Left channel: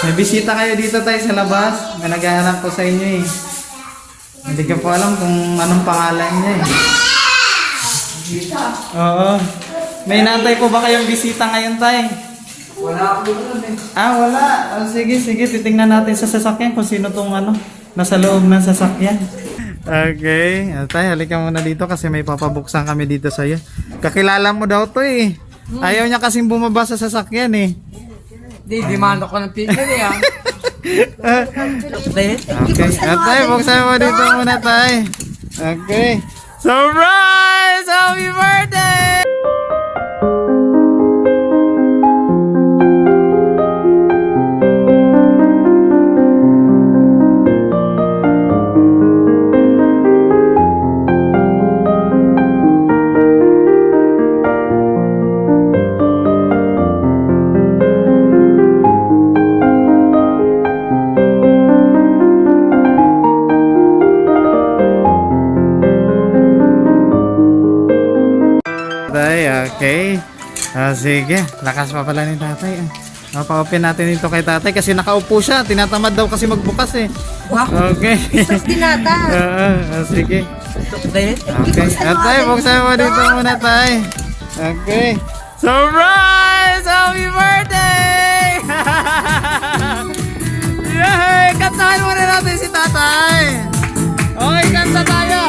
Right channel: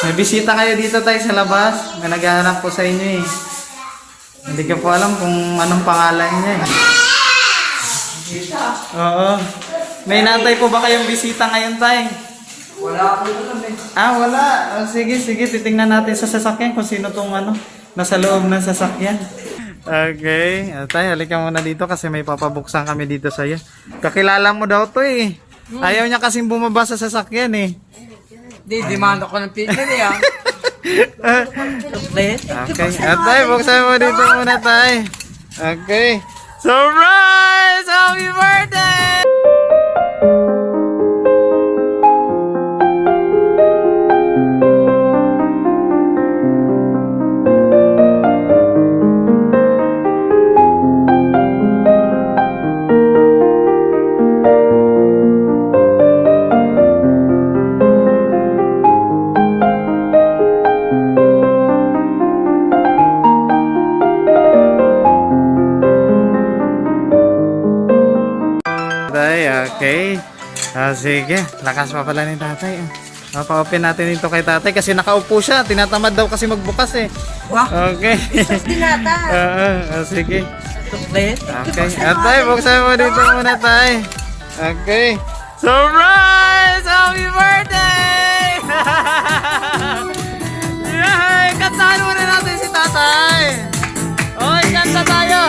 May bisita kayo dito tayo sa labas. May naghahanap ko sa inyo eh. Hindi ko po alam kung anong pangalan niya eh. Bisita? Oo. May natay po ba kayong bisita ngayon tay? Wala akong alam eh. Ah, wala. Sige, titingnan natin sa sasakyan kung sino tong nasa loob ng sasakyan. Okay. Tay, halika muna dito kasi may papabuksan kami dito sa'yo. Kakilala mo daw to eh. Ayaw niya kasing bumaba sa sasakyan eh. Demand ako ng picture eh ah. Okay. Tay, buksan mo dito muna tay. Okay. Surprise! Happy birthday! Okay. Sige. Lakas pa pala ni tatay. Pa-open natin ito kay tatay kasi nakaupo siya. Tinatamad daw kasi magbukas eh. Okay. Sige. Okay. Tay, buksan mo dito muna tay. Okay. Surprise! Happy birthday! Yay! Kantahan muna natin si tatay. Okay, kanta tayo.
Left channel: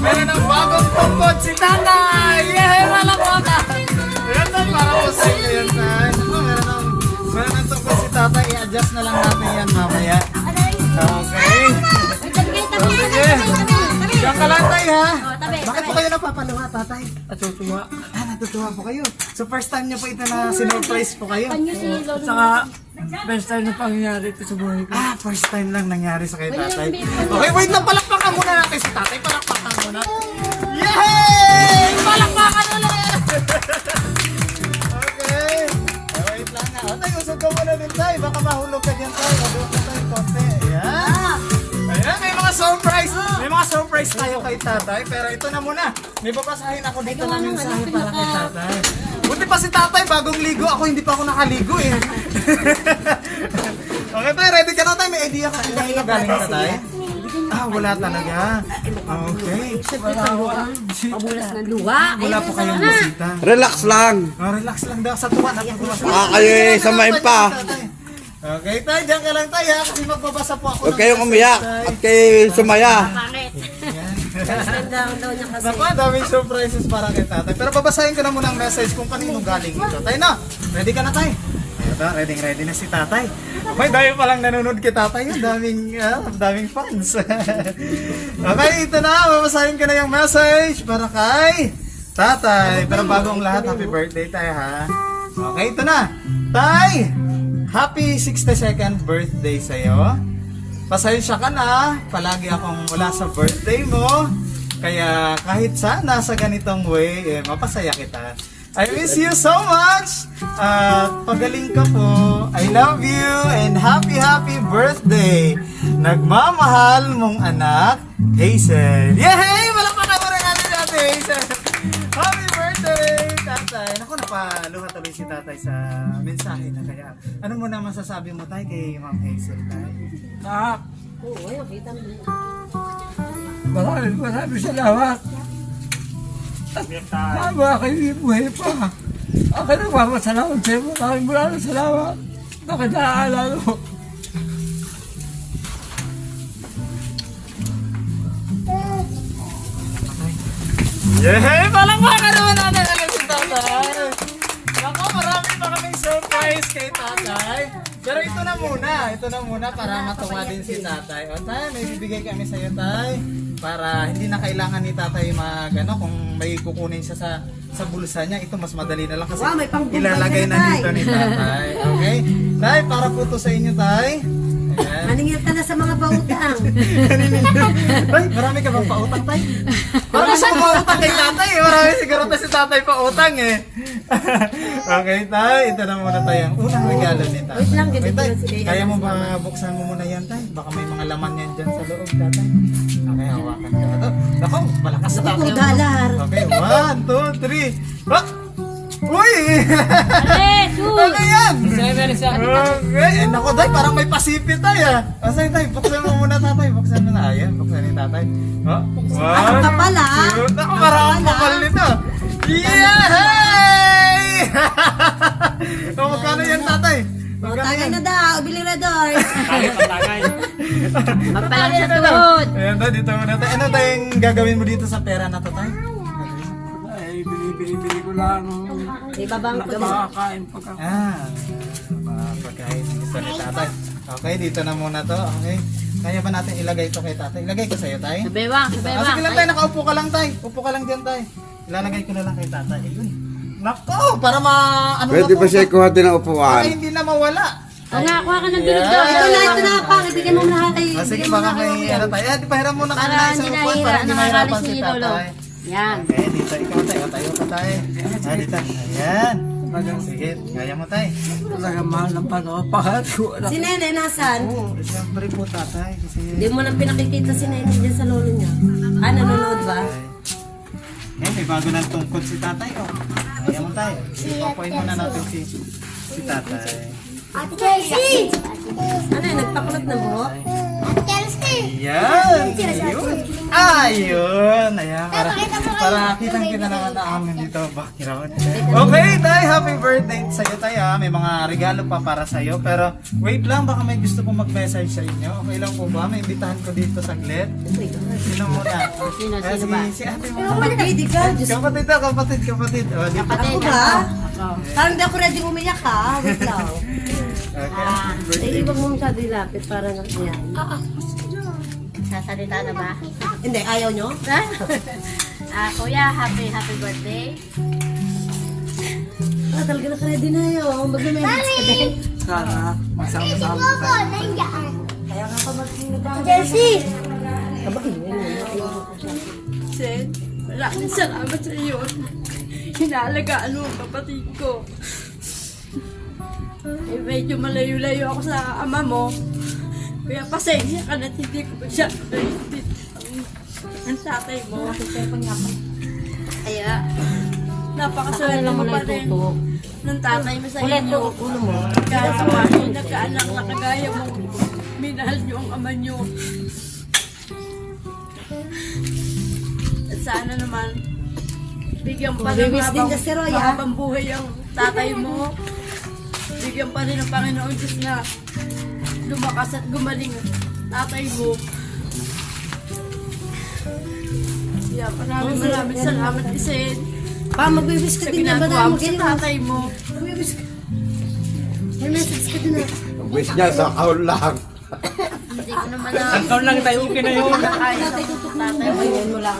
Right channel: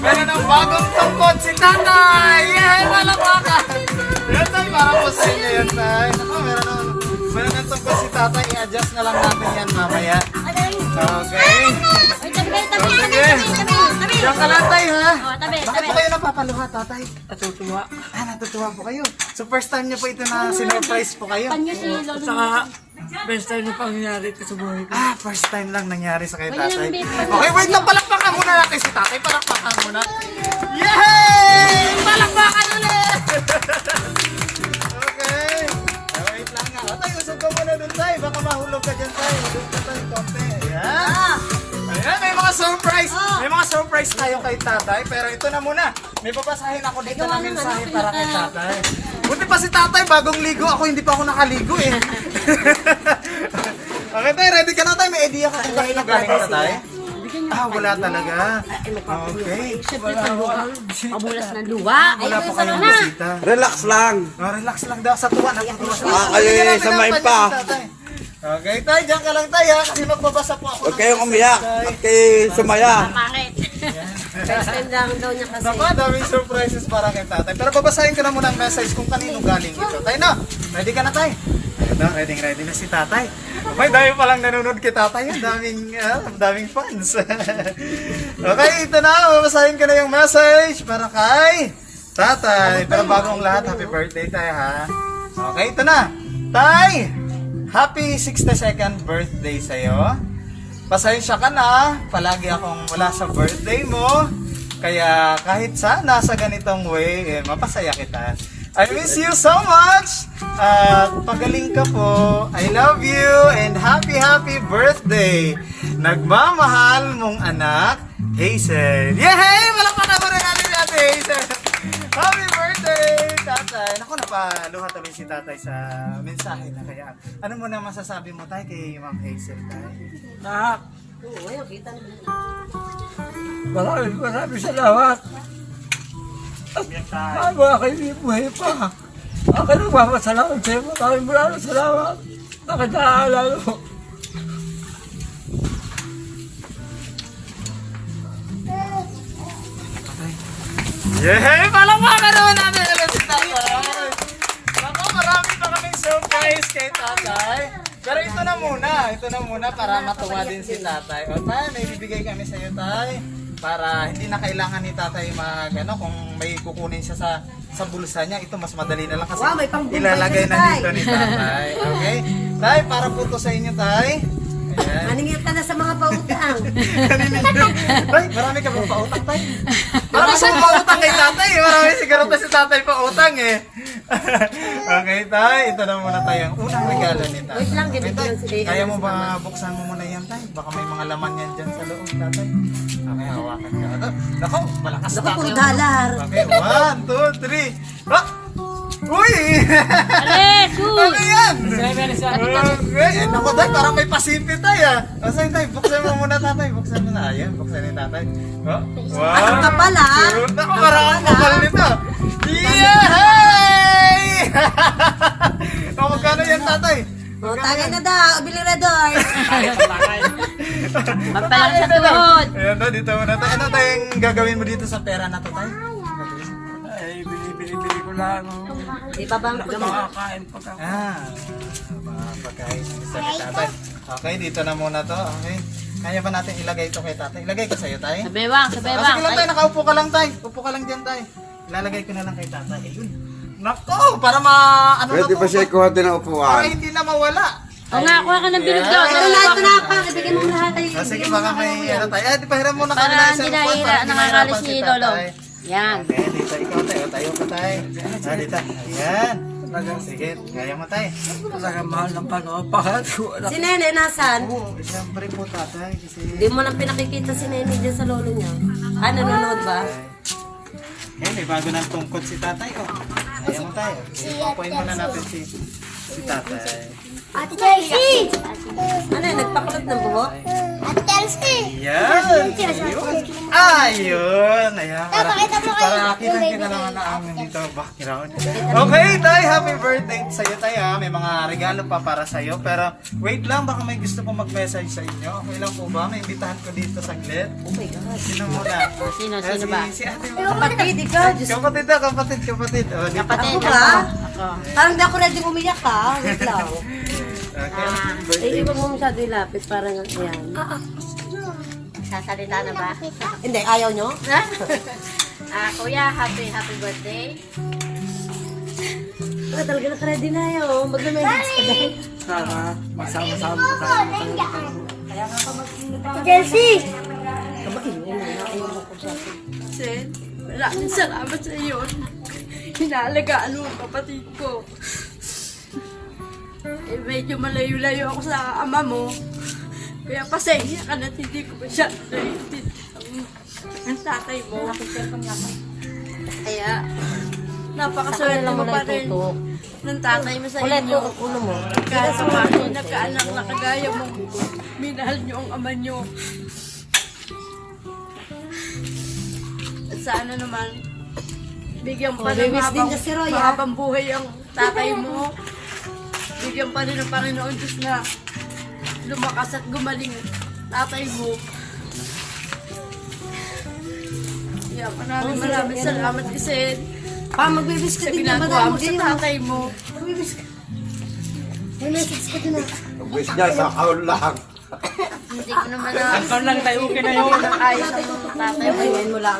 Meron ng bagong tungkod si tatay! Yehey! Malakwakan! Ayan tayo, para po sa inyo yan tayo. Meron ng tungkod si tatay. I-adjust na lang natin yan mamaya. Okay. So, sige. Diyan ka lang tayo ha. Bakit po kayo napapaluha tatay? Natutuwa. Natutuwa po kayo. So first time niyo po ito na sinurprise po kayo? At saka, best time na pangyayari ito sa buhay ko. First time lang nangyari sa kay tatay. Okay, wait lang. Palakpakan muna natin si tatay. Palakpakan muna. Yay! Palakpakan ulit! Okay. Wait lang nga. Tay, usog ka muna dun tayo. Baka mahulog ka dyan tayo. Mahulog ka tayo konti. Ayan. Ayan, may mga surprise. May mga surprise tayo kay tatay. Pero ito na muna. May babasahin ako dito ng mensahe para kay tatay. Buti pa si tatay bagong ligo. Ako hindi pa ako nakaligo eh. Okay tayo, ready ka na tayo. May idea ka kung kanina galing na tayo? Wala talaga. Okay. Wala po kayong bisita. Relax lang. Relax lang daw sa tuwa. Natutuwa siya. Kayo eh, samayin pa. Okay tayo, dyan ka lang tayo ha. Kasi magbabasa po ako. Huwag kayong umiyak at kayo sumaya. Naku, daming surprises para kay tatay. Pero babasahin ko na muna ang message kung kanino galing ito. Tayo na, ready ka na tayo? Ayun na, ready na si tatay. May dahil palang nanonood kay tatay. Daming fans. Okay, ito na. Babasahin ko na yung message para kay tatay. Pero bago ang lahat, happy birthday tayo ha. Okay, ito na. Tay, happy 62nd birthday sa'yo. Pasensya ka na, palagi akong wala sa birthday mo. Kaya kahit sana sa ganitong way, mapasaya kita. I miss you so much! At pagaling ka po. I love you and happy birthday! Nagmamahal mong anak, Hazel. Yehey! Malakpakan mo rin natin Hazel! Happy birthday, tatay! Naku, napaluha tuloy si tatay sa mensahe na kaya. Ano mo na masasabi mo tayo kay Ma'am Hazel tayo? Maraming salamat. At haba kayo buhay pa. Ako nagpapasalamat sa'yo. Maraming salamat. Bakit naaalala mo? Yay! Palamakan naman natin si tatay. Naku, marami pa kaming surprise kay tatay. Pero ito na muna para matuwa din si tatay. O tay, may bibigay kami sa iyo tay. Para hindi na kailangan ni tatay kung may kukunin siya sa bulsa niya, ito mas madali na lang kasi Wow, may pangbuhay ilalagay na na, tay. dito ni tatay. Okay? Tay, para po to sa inyo tay. Ayan. Maningil ka na sa mga pautang. Tay, marami ka bang pautang tay? Marami sa pautang kay tatay. Marami siguro na si tatay pautang eh. Okay tay, ito na muna tayo ang unang regalo ni tatay. Wait lang, Okay, bibigyan tay, si Dave. kaya mo ba buksan mo muna yan tay? Baka may mga laman yan dyan sa loob tatay. Okay, hawakan ka. Naku, malakas na tatay. Dalar. Okay, 1, 2, 3. Uy! Ano yan? Okay, naku tay, parang may pasipit tay ah. Asay tay, buksan mo muna tatay. Buksan mo na. Ayan, buksan ni tatay. Oh, Ano ka pala? Naku, parang ang kapal nito. Yay! O, magkano yan tatay? O, tagay na daw. Bili na daw. Magkano yan tatay? Ayan na, dito muna tayo. Ano tayong gagawin mo dito sa pera na to tay? Ay, bili ko lang. Di ba bang Makakain pag ako. Mga pagkain ng gusto ni tatay. Okay, dito na muna to. Okay. Kaya ba natin ilagay ito kay tatay? Ilagay ko sa'yo, tay? Sa bewang, sa bewang. Sige lang, tay. Nakaupo ka lang, tay. Upo ka lang dyan, tay. Ilalagay ko na lang kay tatay. Ayun. Nako, para Pwede na ba to? siya kuha din ng Para upuan? hindi na mawala. Kuha ka ng bilog daw. ito na, pang. Ibigay mo na. Ay, Sige, ibigay mo baka na. may ano tayo. Eh, di pa hiram muna kami Para na isang hindi upuan nahihira, para hindi mahirapan nakakalis si ni Lolo. tatay. Yan. Okay, dito ikaw tayo. Tayo ka tayo. Dito. Ayan. Sige, kaya mo tayo. Talaga mahal ng pagkakapahal ko. Si Nene, nasan? Oo, siyempre po tatay. Kasi... Hindi mo lang pinakikita si Nene dyan sa lolo niya. Nanonood ba? Eh, may bago ng tungkod si tatay. Oh. Kaya mo tayo. Ipapuin muna natin si tatay. Ate Chelsea! Ano yun, nagpakulot ng buhok? Ayan! Ayun! Ayun! Ayan, para kitang-kita naman na amin dito background. Okay, tay! Happy birthday sa'yo, tay, ha? May mga regalo pa para sa'yo. Pero, wait lang, baka may gusto pong mag-message sa inyo. Okay lang po ba? May imbitahan ko dito saglit. Sino muna? Sino ba? Si ate mo. Kapatid, ikaw. Diyos Kapatid na, kapatid. O, di pa. ako ka? Parang di ako ready umiyak ka. Wait lang. Okay. Iwan mo masyado yung lapit. Parang, ayan. Sasalita na ba? Hindi, ayaw nyo? Kuya, happy birthday. Talaga na-ready na yun. Mag-message ka din. Sana masama-sama ko tayo. Chelsea! Sen, maraming salamat sa iyo. Hinalagaan mo ang kapatid ko. Eh, medyo malayo-layo ako sa ama mo. Kaya pasensya ka na hindi ko masyado naiintindihan ang tatay mo. Kaya, napakaswerte mo pa rin ng tatay mo sa Ulit, inyo. ulo mo. Kahit sa paano nagkaanak na kagaya mo, minahal niyo ang ama niyo. At sana naman, bigyan pa ng Miss din kasi Roy, ha? mahabang buhay ang tatay mo. Bigyan pa rin ng Panginoon Diyos na lumakas at gumaling tatay mo. Yeah, maraming salamat Isen Mag-wish ka sa din na ba ginagawa na mo sa tatay mo. Mag-wish ka. Mag-message ka din na. Wish niya sa kaul lang. Hindi ko naman na... Ikaw lang tayo okay na yun. Ayos ang tatay mo. Ayun mo lang.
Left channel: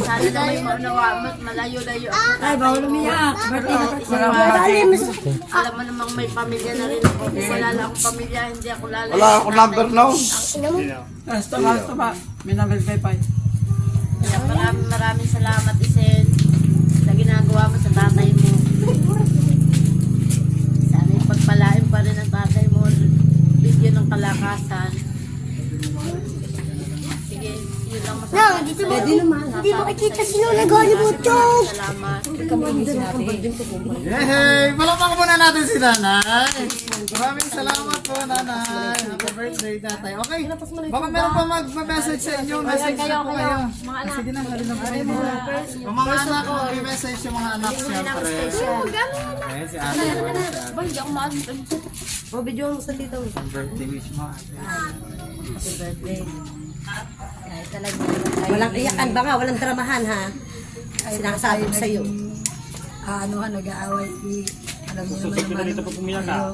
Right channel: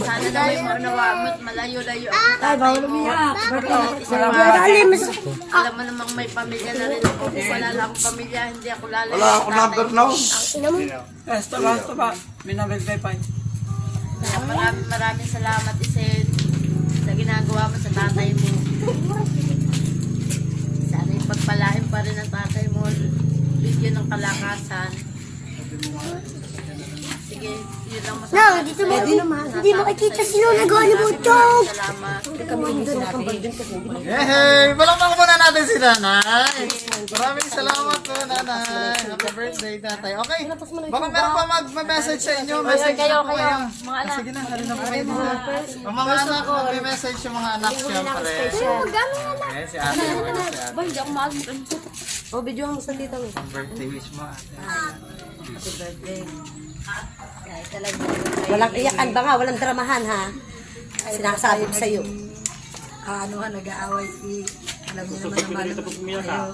Sana na may maunawa mo at malayo-layo ang Ay, tatay bawal mo. umiyak. Alam mo namang may pamilya na rin ako. Kung wala lang akong pamilya, hindi ako lalayo. Wala akong number now. Basta ba? Minabay pa. Kaya maraming salamat Isen sa ginagawa mo sa tatay mo. Sana ipagpalain pa rin ang tatay mo. Bigyan ng kalakasan. Sige, yun lang masasabi. Pwede naman. Hindi makikita sila nag-honeymoon. Salamat. Yay! Palakpakan muna natin si nanay. Maraming salamat po, nanay. Happy birthday, tatay. Okay, baka meron pa mag-message sa inyo. Message kayo, na po kayo. kayo. Mga anak. Sige na, dali na po kayo dito. O mga anak, mag-message yung mga anak siyempre. Okay, si ate. O, video mo sa tita mo. Birthday wish mo. Happy birthday. Kahit talaga Walang iyakan ba nga? Walang dramahan ha? kahit na Sinasabi tayo ko sa'yo. nag-aaway, alam niyo naman naman kayo.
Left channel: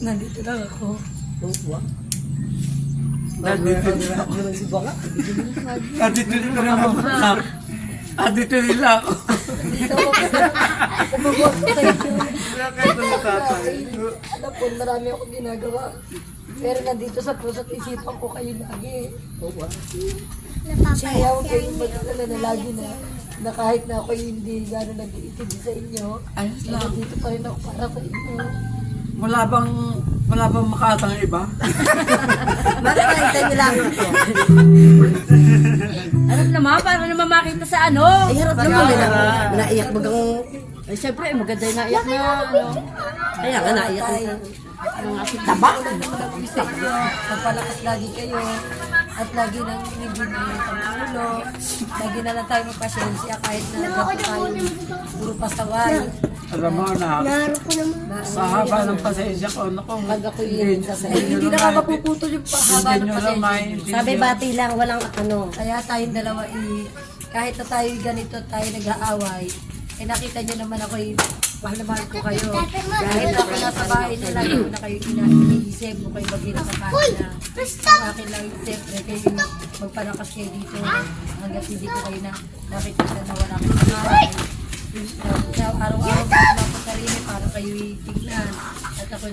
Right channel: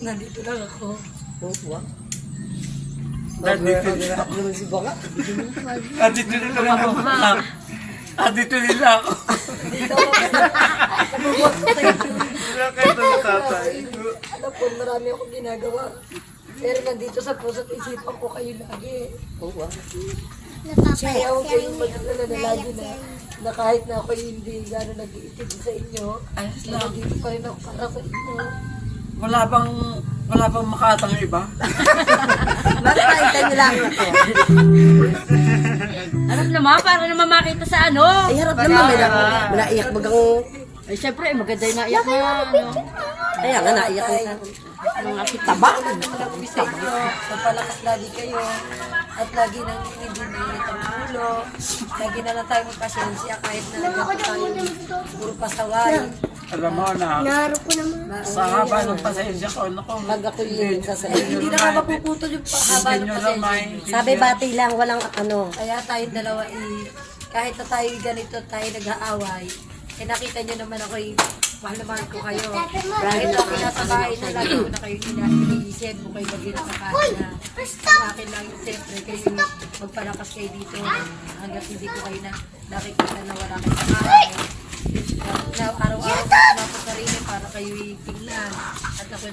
Nandito lang ako. Nandito nila ako. Nandito nila ako. Nandito nila ako. Alam ko, marami akong ginagawa. Pero nandito sa puso't isipan ko kayo lagi. Kaya huwag kayong mag-alala na lagi na kahit na ako hindi gano'n nag-iitid sa inyo, Ayos lang. nandito pa rin ako para sa inyo. Wala bang makatang iba? Bakit tayo nila ako to? Harap naman, para naman makita sa ano. Ay, harap naman nila. Naiyak bagang... Ay, syempre, maganda yung naiyak na. Ano. Kaya nga naiyak na. Taba! Ulan naman ang ibig sa inyo. Magpalakas lagi kayo. At lagi nang hindi mainit ang ulo. Lagi na lang tayo magpasyensya kahit na gato tayo puro pasaway. Alam mo na, sa haba ng pasensya ko, naku, Hindi na ka mapuputol yung haba hindi ng nyo lang pasensya. maintindihan. Sabi bati lang, walang ano. Kaya tayong dalawa kahit na tayo ganito tayo nag-aaway, nakita nyo naman ako mahal na mahal ko kayo. Kahit ako nasa bahay na, lagi ko na kayo iniisip mo kayo mag nakakain na. Ang akin lang, siyempre, kayo magpalakas kayo dito hanggat hindi ko kayo nakikita na wala kayo sa bahay. Araw-araw ko pinapot na rin para kayo tingnan. At ako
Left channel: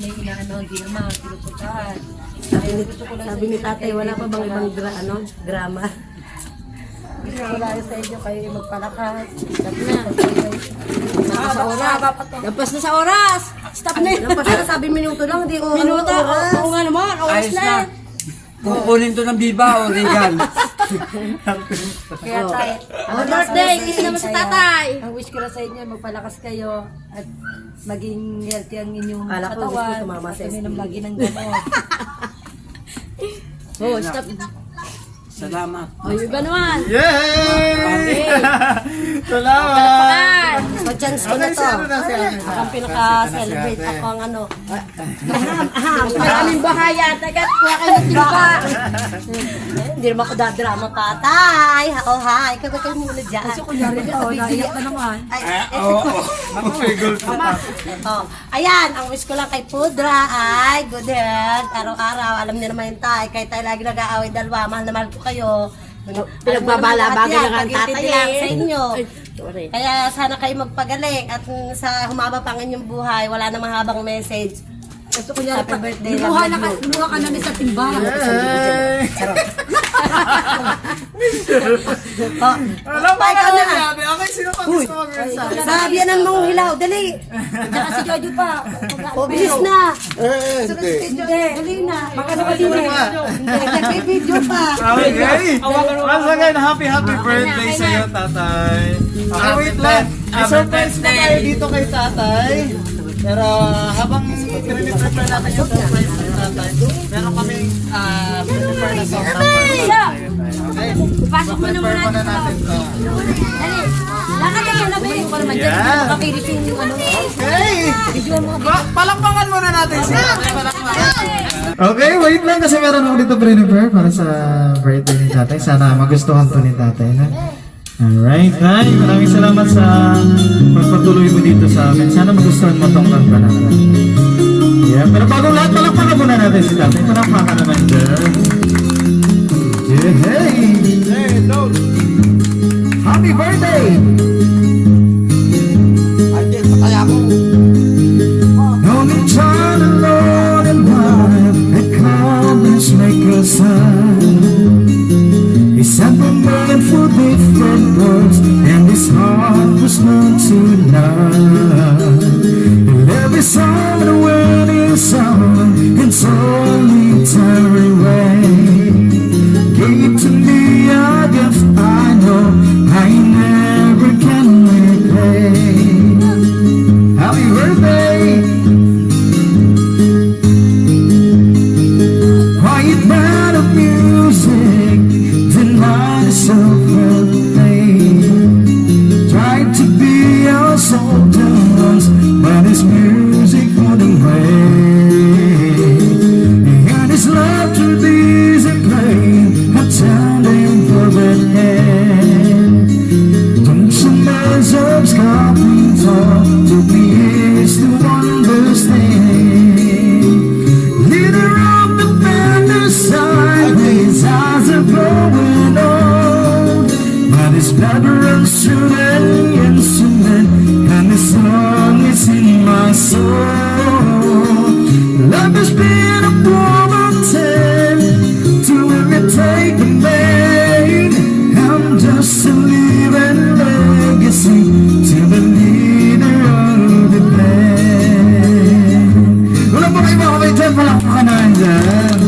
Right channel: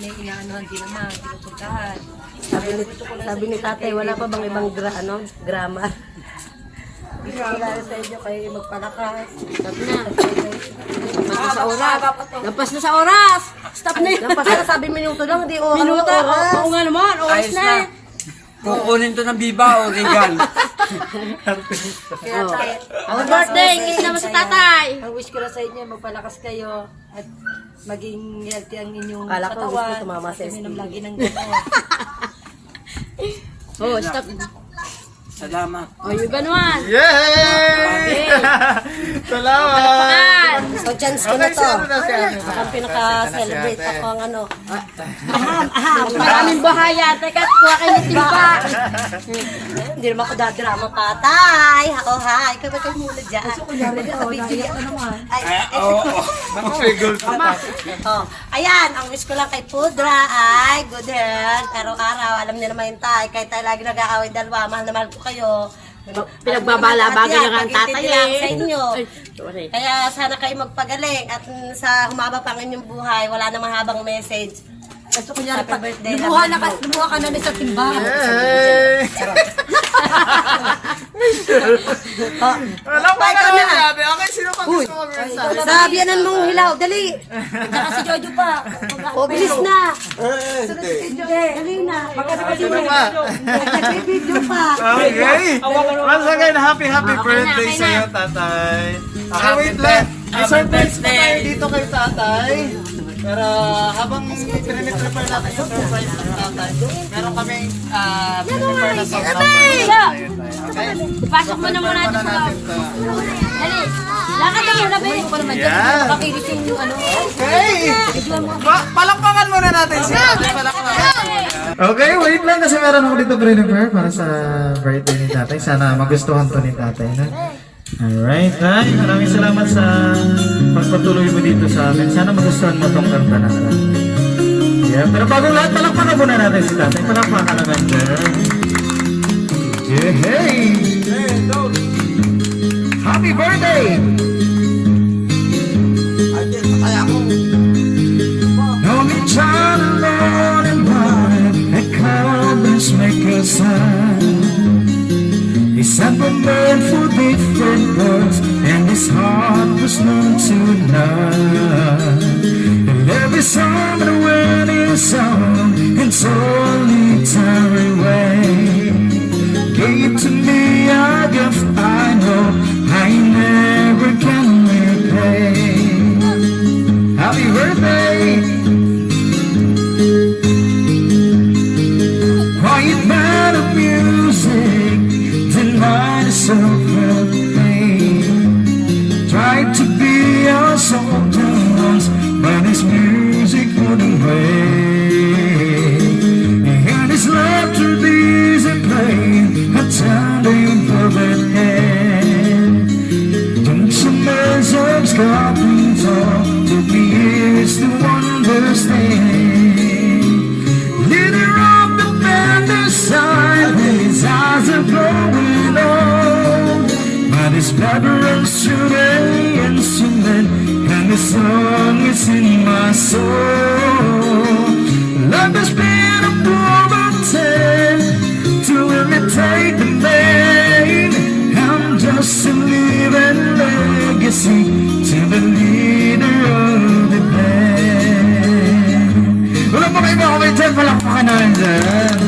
may inaanohan din naman, pinupuntahan. Sabi ni tatay, wala pa bang ibang grammar? Gusto ko lang sa inyo kayo magpalakas. Mahaba pa to. Lampas na sa oras! Stop na yun! Lampas na, sabi minuto lang, hindi oras. Minuto, oo nga naman, oras Ayos na. na. Kukunin to ng biba o legal. Kaya tayo. Happy birthday, kiss naman sa tatay. Ang wish ko lang sa inyo, magpalakas kayo at maging healthy ang inyong Kala ko gusto katawan. tumama At sa uminom lagi ng gamot. Oh, stop. Salamat. Oh, yung ganuan. Yay! Salamat! So, chance ko na to. Ano na siya? Akang pinaka-celebrate ako ang ano. Maraming bahaya. Teka, kuha kayo ng timba. Hindi naman ako dadrama pa. Tay! Oh, hi! Ikaw ba kayo muna dyan? So, kunyari ka, naiyak ka naman. Ay, Oo. oh, ayan, ang wish ko lang kay Pudra ay good health. Araw-araw, alam niyo naman yung tay. Kahit tayo lagi nag-aaway dalawa, mahal na mahal ko kayo. Pinagbabala, Alam niyo naman lahat bagay yan, lang ang pag-intindi tatay lang eh. sa inyo. Sorry. Kaya sana kayo magpagaling at sa humaba pa ang inyong buhay, wala na mahabang message. So, kunyari, Happy birthday lang. lumuha ka namin sa timba. Yay! Oh, Alam mo pa, ikaw na. natin. Okay, sino pa gusto mag-mensahe? Sabianan mong hilaw, dali. Tsaka si Jojo pa. O, bilis na. Hindi. Dali na. Baka Sino pa? nag-video pa. Okay. Once again, happy birthday sa iyo, tatay. Okay, wait lang. May surprise pa tayo dito kay tatay. Pero habang pinag-prepare natin yung surprise kay tatay, meron kaming prepare na song number para sa iyo, tay. Okay? Prepare muna natin ito. Lakad kayo na, babe. Yan. Makakilit yung ano. Okay. Palakpakan muna natin si tatay. Palakpakan muna. Okay, wait lang kasi meron ako dito prepare para sa birthday ni tatay. Sana magustuhan to ni tatay. No? Alright, Tay. Maraming salamat sa pagpatuloy mo dito sa amin. Sana magustuhan mo itong kanta natin. Yeah, pero bago lahat, palakpakan muna natin si tatay. Palakpakan naman po. Yeah, hey! Happy birthday! Only child alone and one that colors make us sad. December man for different girls, and his heart was known to love. And every summer when it's song in solitary way, gave to me a gift I know I never can repay. Happy birthday! Quiet man of music, delight is so pain. Tried to be our soldier once, but his music wouldn't wait. He had his love to love has been a promoted to imitate the man. I'm just a living legacy to the leader of the band. Wala po kayo mga kapitid, palakpakan na rin dyan.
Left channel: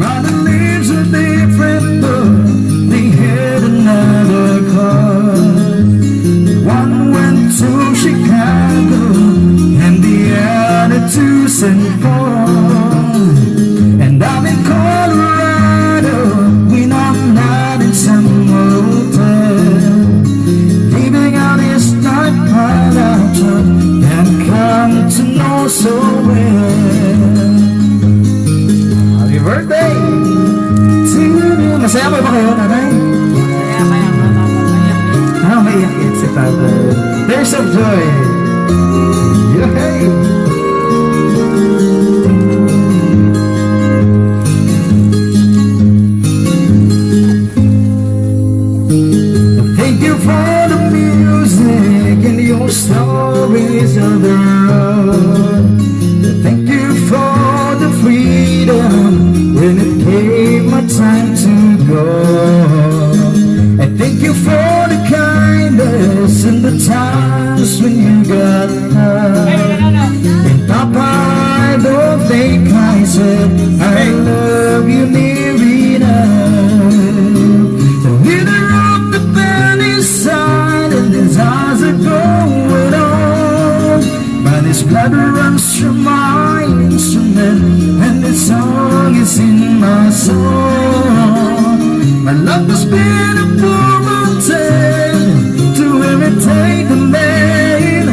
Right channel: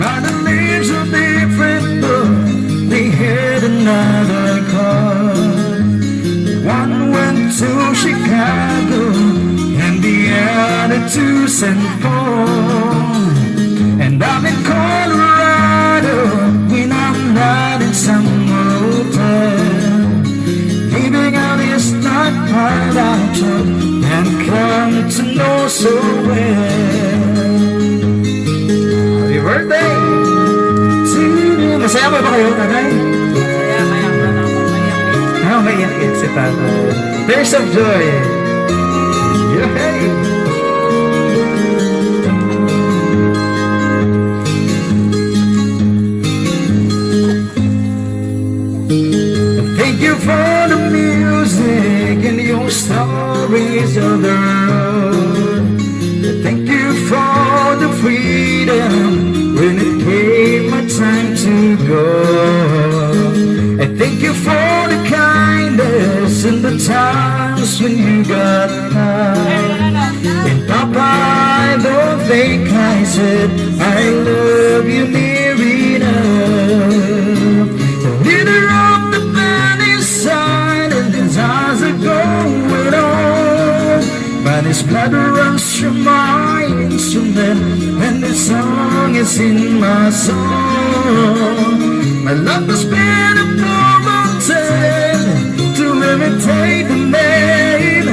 But the names are different, but they had another call. One went to Chicago and the other to St. Paul. And I'm in Colorado when I'm not in some hotel, living out his stockpile I took and come to know so well. Happy birthday to you. Masaya ba kayo, tatay? Kaya nga naman mayak eh. Ayaw maiyak si tatay. Tears of joy. Yay! Thank you for the music and your stories of the road. Thank you for the freedom when it came my time to go. And thank you for the kindness in the times when you got high. And Papa, I don't think I said I love you near enough. The leader of the band is silent, his eyes are going on, but his blood runs through my instrument and the song is in my soul. My love has been a promoted to imitate the man.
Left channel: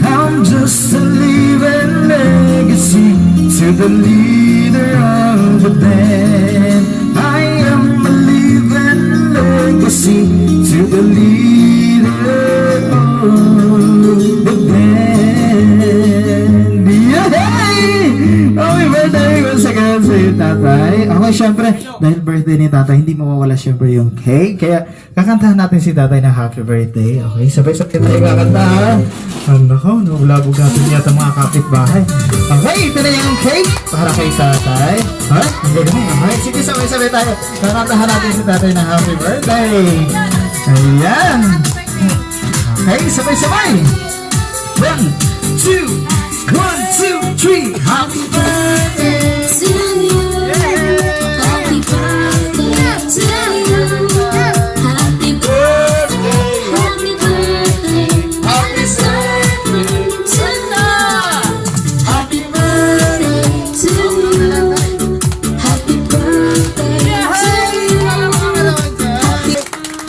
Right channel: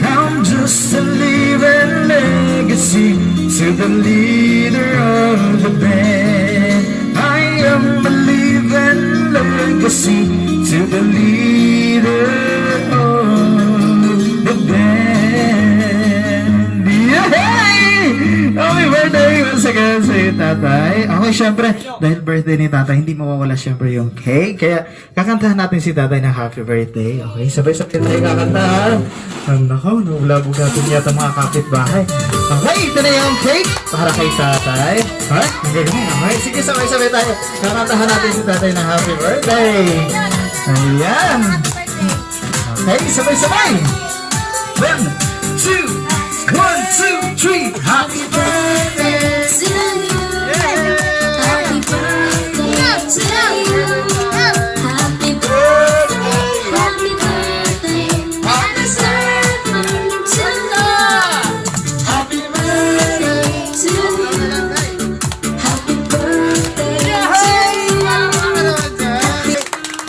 I'm just a living legacy to the leader of the band. I am a living legacy to the leader of the band. Yay! Happy birthday once again sa iyo, tatay. Okay, syempre, dahil birthday ni tatay, hindi mawawala syempre yung cake. Kaya, kakantahan natin si tatay ng happy birthday. Okay, sabay-sabay tayo kakantahan. Nako, nabulabog natin yata mga kapitbahay. Okay, ito na yung cake para kay tatay. Ha? Ang gagawin. Okay, sige, sabay-sabay tayo. Kakantahan natin si tatay ng happy birthday. Ayan. Okay, sabay-sabay. 1, 2, 1, 2, 3. Happy birthday.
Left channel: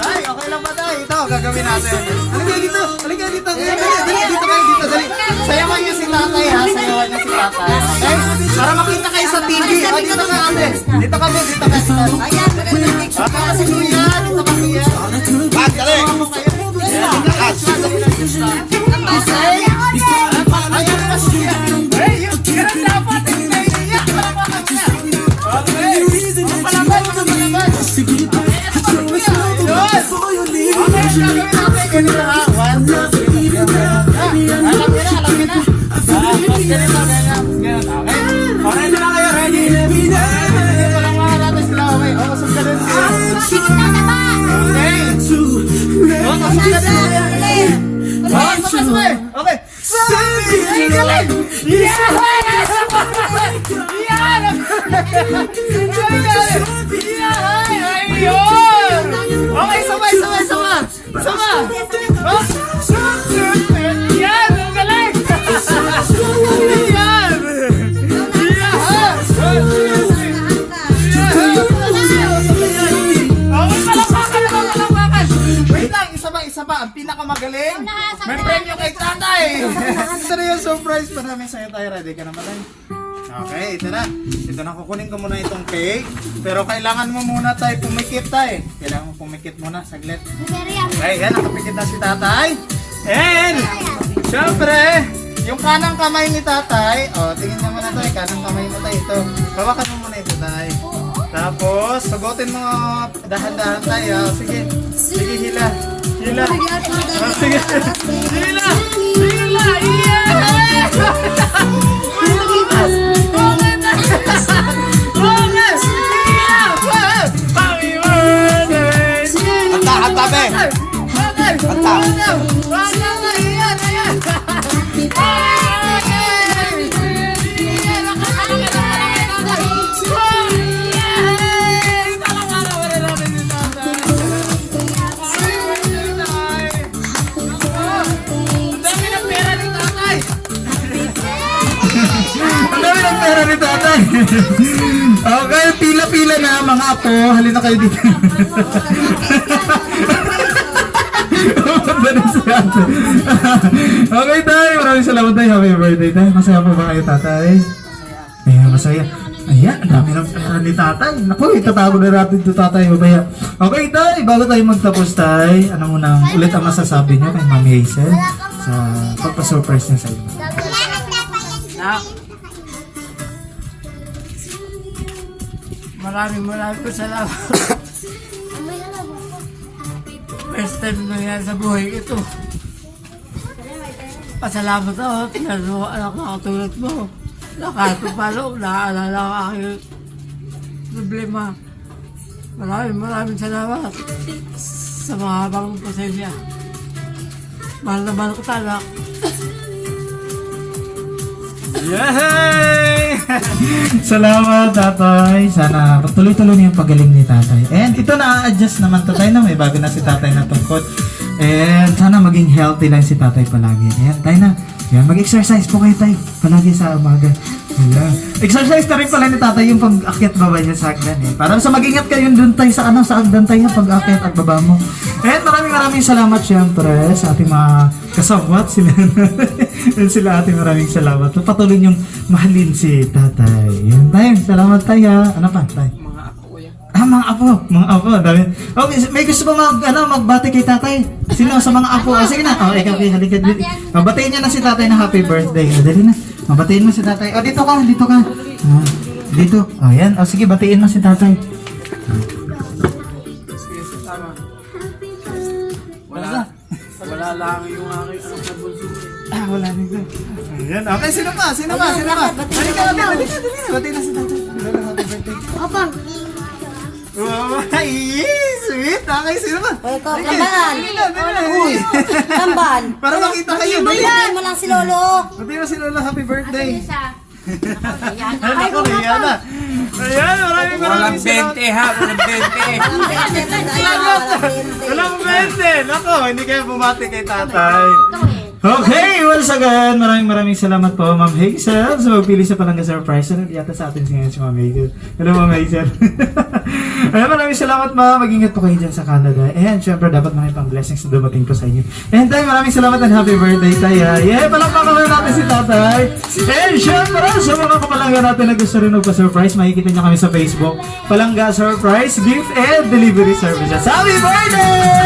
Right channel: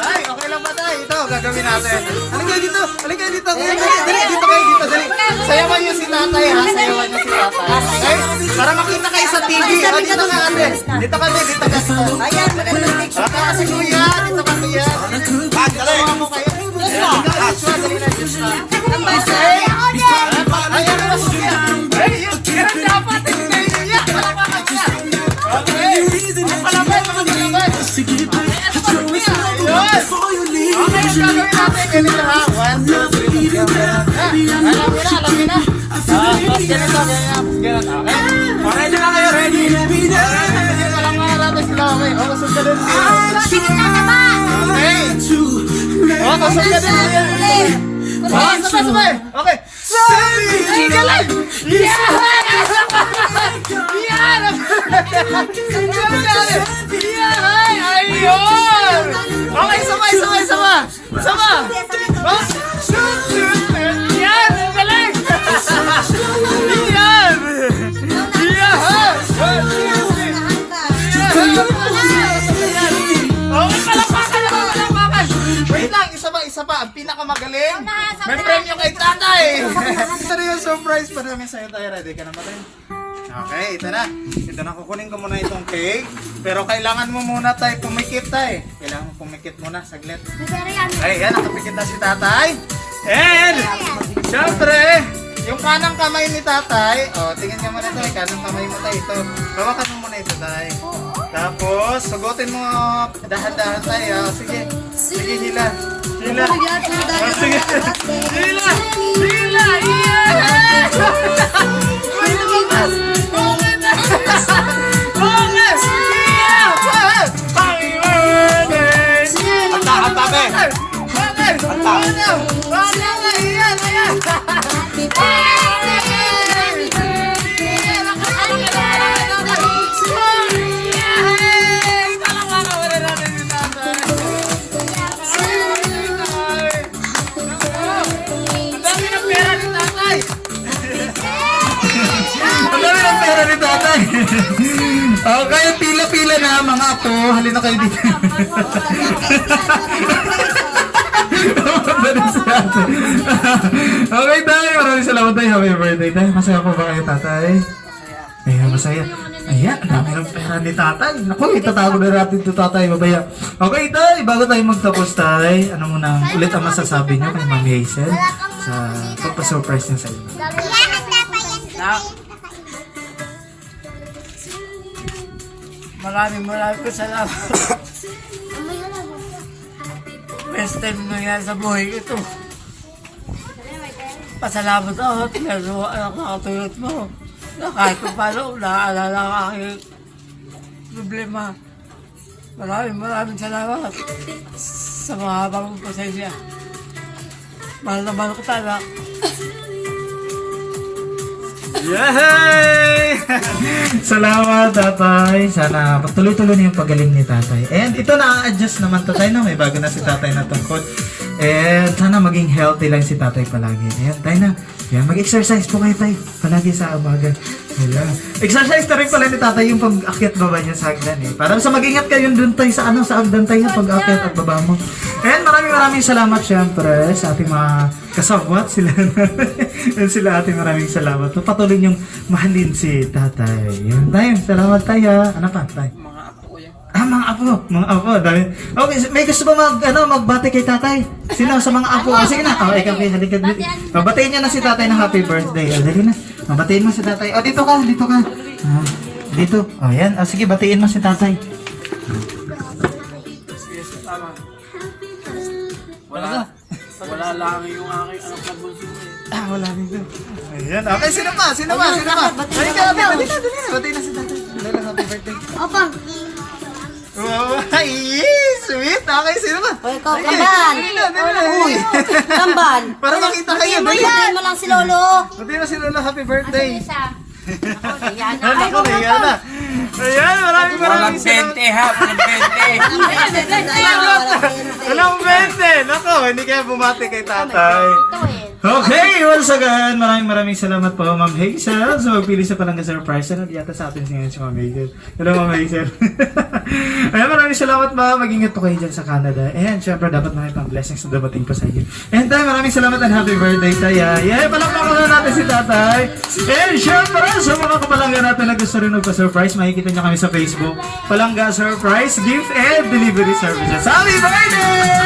Tay, okay lang ba tay? Ito, gagawin natin. Halika dito, halika dito. Kuya, dali, dito kayo, dito, dali. Sayawan niyo si tatay ha, sayawan niyo si tatay. Okay? Para makita kayo sa TV. Ah, dito ka ate. Dito kami, dito ka. Ayan, dali. Dito ka si kuya, dito ka kuya. Dali. Ayan, dito ka. Dali na siya. Okay? Ayan pa si kuya. Hey, yan dapat. Okay, sabay. Sama. Yan, ang galing. Yan. Wait lang, isa pa. Ang pinakamagaling. May premyo kay tatay. Ito na yung surprise pa namin sa'yo tayo. Ready ka na ba tayo? Okay, ito na. Ito na, kukunin ko muna itong cake. Pero kailangan mo muna tayo pumikit tayo. Kailangan mo pumikit muna, saglit. Okay, yan, nakapikit na si tatay. And, syempre, yung kanang kamay ni tatay, tingin niya muna ito, kanang kamay mo tayo ito. Bawakan mo muna ito tayo. Tapos, sugutin mo, dahan-dahan tayo. Sige, hila. Sige, hila. Iya! ang pera ni tatay. Okay, pila-pila na mga apo. Halina kayo dito. Okay tayo, maraming salamat tayo. Happy birthday tayo. Masaya po ba kayo tatay? Ayan, masaya. Ayan, ang dami ng pera ni tatay. Naku, itatago na natin ito tatay. Mabaya. Okay tayo, bago tayo magtapos tayo, ano muna ulit ang masasabi nyo kay Ma'am Hazel sa pagpa-surprise niya sa inyo. Nak. Maraming salamat. First time nangyari sa buhay ko ito. Pasalamat ako at naluwa anak na katulad mo. Na kahit pa paano, naaalala ang aking problema. Maraming salamat sa mga habang pasensya. Mahal na mahal ko tanak. Yay! Salamat tatay. Sana patuloy-tuloy na yung pagaling ni tatay. And ito na-adjust naman to tayo na may bago na si tatay na tungkol. And sana maging healthy lang si tatay palagi. Ayan tayo na. Yan, mag-exercise po kayo tayo. Palagi sa umaga. Ayan. Exercise na rin pala ni tatay yung pag-akyat baba niya sa hagdan eh. Para sa mag-ingat kayo dun tayo sa sa hagdan tayo pag-akyat at baba mo. And maraming salamat syempre sa ating mga kasabwat sila. And sila ating maraming salamat. Patuloy niyong mahalin si tatay. Yan tayo. Salamat tayo. Ano pa tayo? Mga apo ko yan. Mga apo, dami. Okay, may gusto ba magbati kay tatay? Sino sa mga apo? Sige na. Ikaw, halika dito. Batiin niya na si tatay na happy birthday. Dali na. Batiin mo si tatay. Dito ka. Dito. Yan. Sige, batiin mo si tatay. Sige, tama. Wala lang yung aking anak na bunso eh. Wala dito. Ayan. Okay, sino pa? Halika. Batiin na si tatay. Dali na, happy birthday. Wow, sweet. Okay, sino ba? Ikaw, Tamban. Uy, Tamban. Para makita kayo. Batiin mo lang si Lolo. Batiin mo si Lolo, happy birthday. Ako, Rihanna. Ayan, Walang 20 ha, walang 20. Walang 20. Nako, hindi kayo bumati kay tatay. Okay, once again, maraming salamat po, Ma'am Hazel, sa magpili sa Palangga Surprise. Yata sa atin ngayon si Ma'am Hazel. Hello, Ma'am Hazel. Ayan, maraming salamat, Ma'am. Mag-ingat po kayo dyan sa Canada. And syempre, dapat maraming pang blessings na dumating po sa inyo. And tayo, maraming salamat and happy birthday tayo. Yeah, palakpakan na natin si tatay. And syempre, sa mga kapalangga natin na gusto rin magpa-surprise, makikita niyo kami sa Facebook. Palangga Surprise, Gift and Delivery Services. Happy birthday!